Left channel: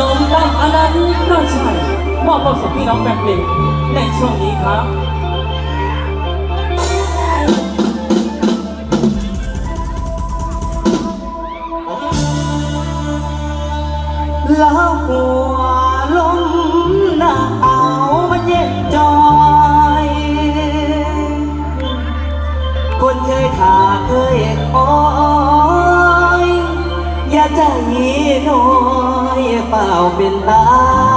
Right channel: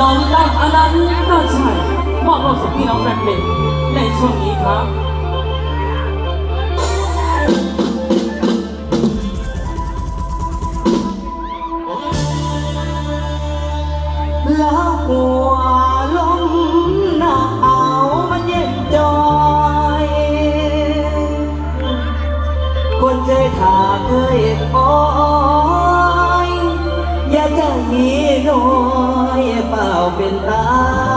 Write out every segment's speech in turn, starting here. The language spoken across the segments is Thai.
น้องตั้งอันต์น่าใช่มอบความสุขพี่น้องแฟนเพลงในช่วงนี้ครับล้วหัวลมหนาวมันเย็นจอยคนเคยขาเคยคอยอย่าใจน้อย เปล่าเป็นตา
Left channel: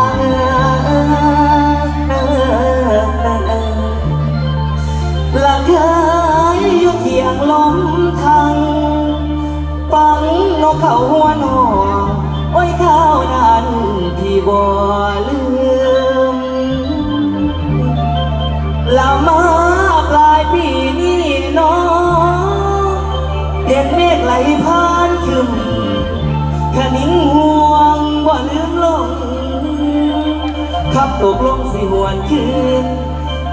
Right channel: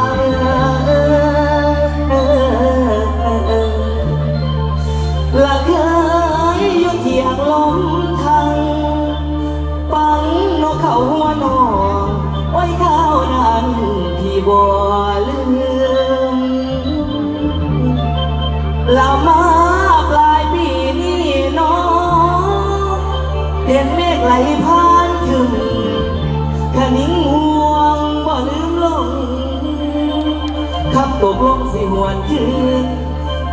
ขับตกลงสิหวนคืน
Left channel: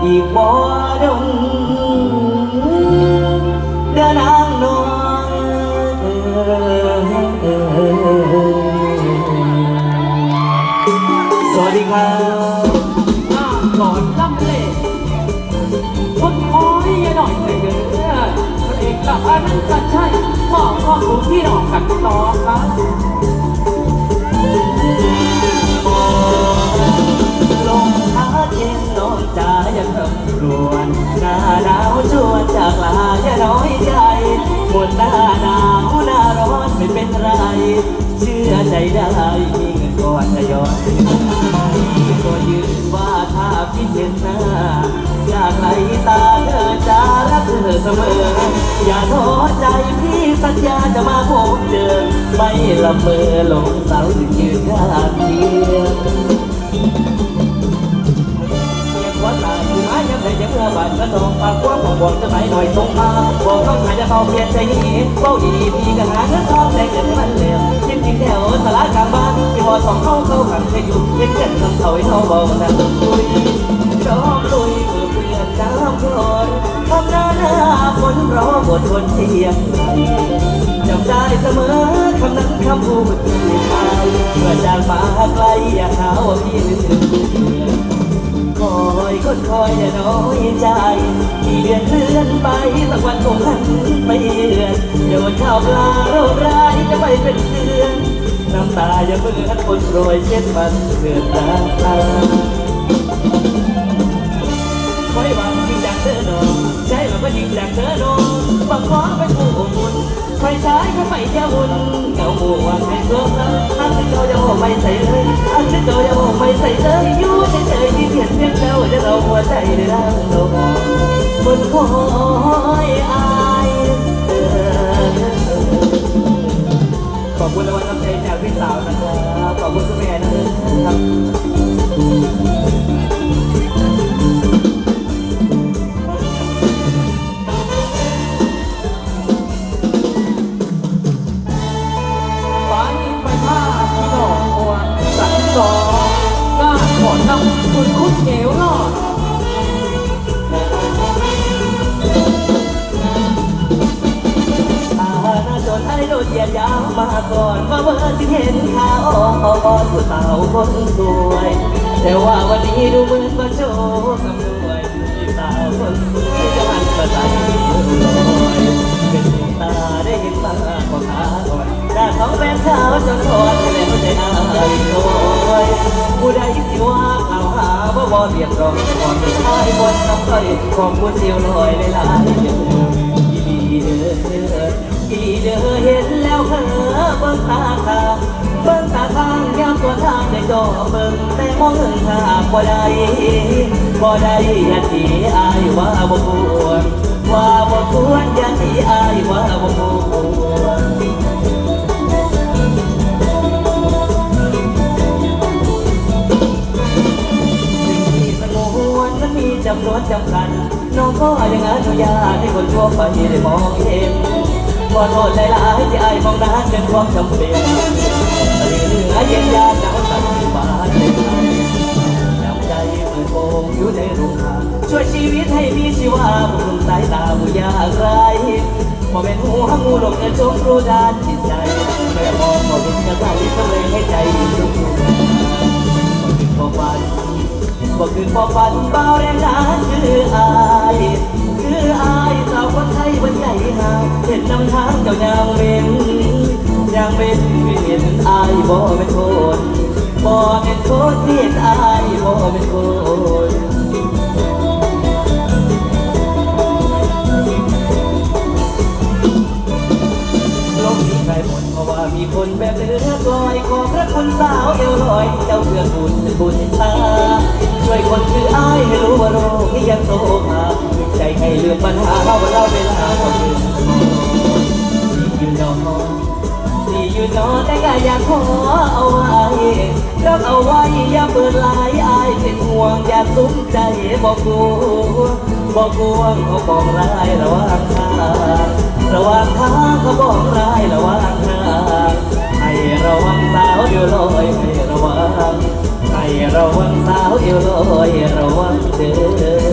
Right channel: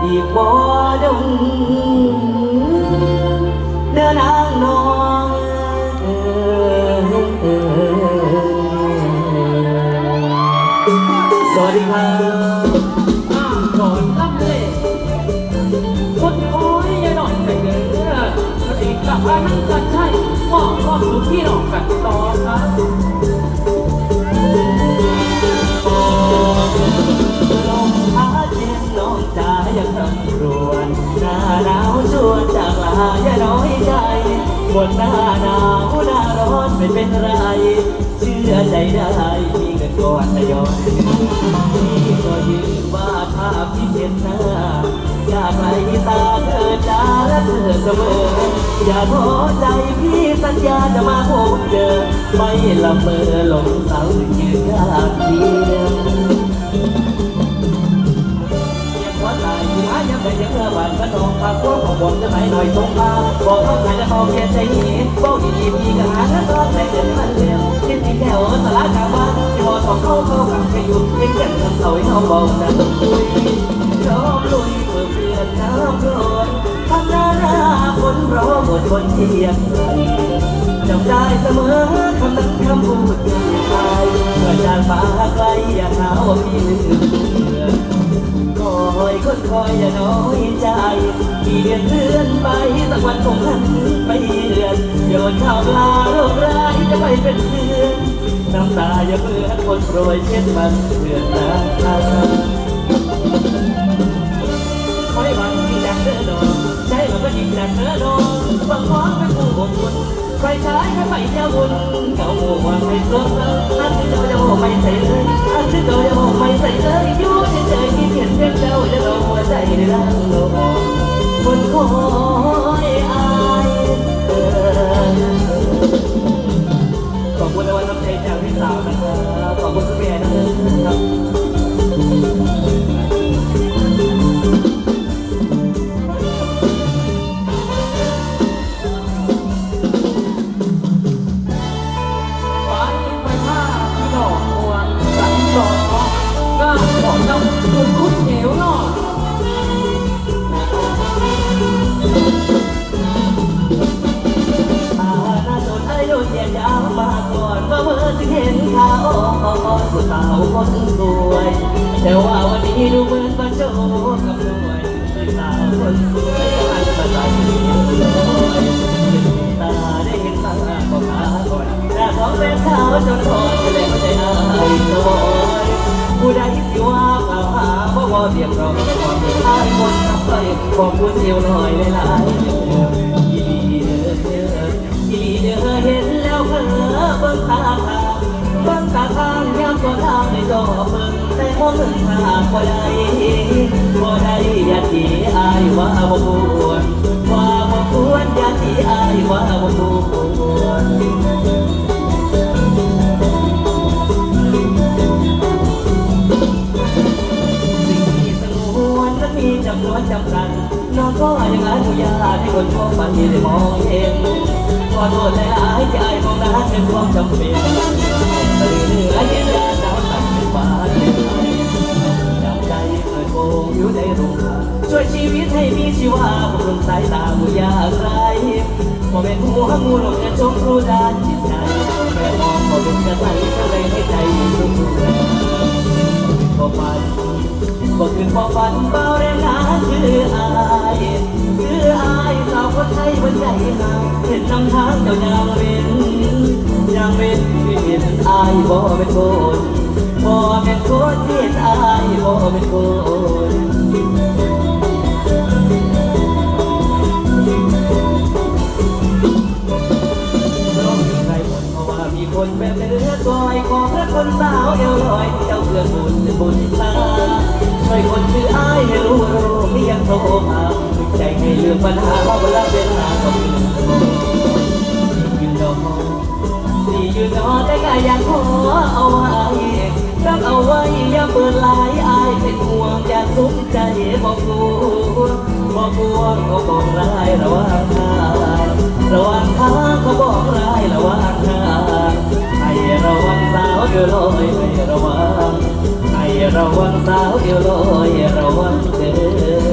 อีกบ่ดงเดินางนองสวัสดีครับน้ำโดนลำเล่คนคอยอย่าหน่อยไปเกินพระเอกกับอนันต์น่าใช่มอบความสุขพี่น้องกันต่อครั ปวดหน้าหนาวหน้าร้อนไม่เป็นไร เชื่อใจได้มีเงินก่อนทยอยพี่ก็ยืนว่าถ้าพี่เห็นหน้า อยากไหลตาเธอจ้าและเธอเสมอ อย่าท้อใจพี่สัญญาจะมาพบเจอ ไม่ละเมอหลงเสาถึงยืนข้างเจำได้เสมอคำนั้นคำพูดเมื่อจานมาไกลอยากหาว่าพี่ลืมคอยคนคอยอย่าน้อยใจกี่เดือนเลื่อนไปสักวันคงหันไปเดือนเดี๋ยววันข้าวปลาเราร้ายจะไปเป็นเดือนน้ำตาอย่าเบื่อคนโปรยเช็ดมันเพื่อนน้ำตา ขอบคุณในวันน้ำเพลงจากพี่สาวนะครับขอบคุณทุกแม่นะครับ ควยจะมันสะใสเป็นตาได้เห็นมาของอาหน้าเขาแม่ขาวจนทอดไปเลยไม่ได้อายโอยผู้ใดสิว่าเปล่าหาว่าว่าเรียบร้อยก่อนจะอายวันทำไปความพูดเชียวลอยเลยหลายอีเด้ออีเด้อเห็นแล้วเพ้อเบิ่งตาทางเบิ่งตาทางยามตัวทางในจอเบิ่งแต่มองเห็นทางบ่ได้ ได้ย่าทีอายว่าบ่ควรว่าบ่ควรย่าทีอายว่าบ่ควรสิ่งที่สงวนนั้นมีจำนวนจำกัดน้องก็ยังอนุญาตให้คนทั่วไปได้มองเห็นขอโทษหลายที่อายมองนั้นเป็นความจำเป็นเหลือเย็นยาหนาวสั่นบาดเจ็บยา มือนโบอยู่ในรูปช่วยชีวิตให้มีชีวาบนสายตาผู้ยากไร้มาเป็นผู้หักมูหลงกันจงรู้ด้านจิตใจแม่มองมาเป็นกระต่ายทำเลให้ใจรู้ผู้ใดพอฝันก็คืนพอฝันเบาแรงนะคืออายคืออายสาวคนไทยบนใหญ่หาเป็นน้ำทางเจ้าอย่างเป็นอย่างเป็นเห็นอายบอกเป็นโทษบอก นคนเห็นอายบ่เป็นคนโลกนี้ไรหมดเพราะว่ามีคนแบบเลือดลอยขอพระคุณสาวเอวลอย เจ้าเพื่อบุญบุญตาช่วยคนชื่ออายให้รู้ว่าโลกนี้ยังโทรมาดึกใจให้ลืมปัญหาเวลาะเป็นหาคนอื่นอยู่ บอกว่าเขาบอกร้ายระว่างทางระว่างทางเขาบอกร้ายระว่างทางให้ระวังสาวเดียวลอยให้ระวังให้ระวังสาวเดียวลอยระวังเด้อ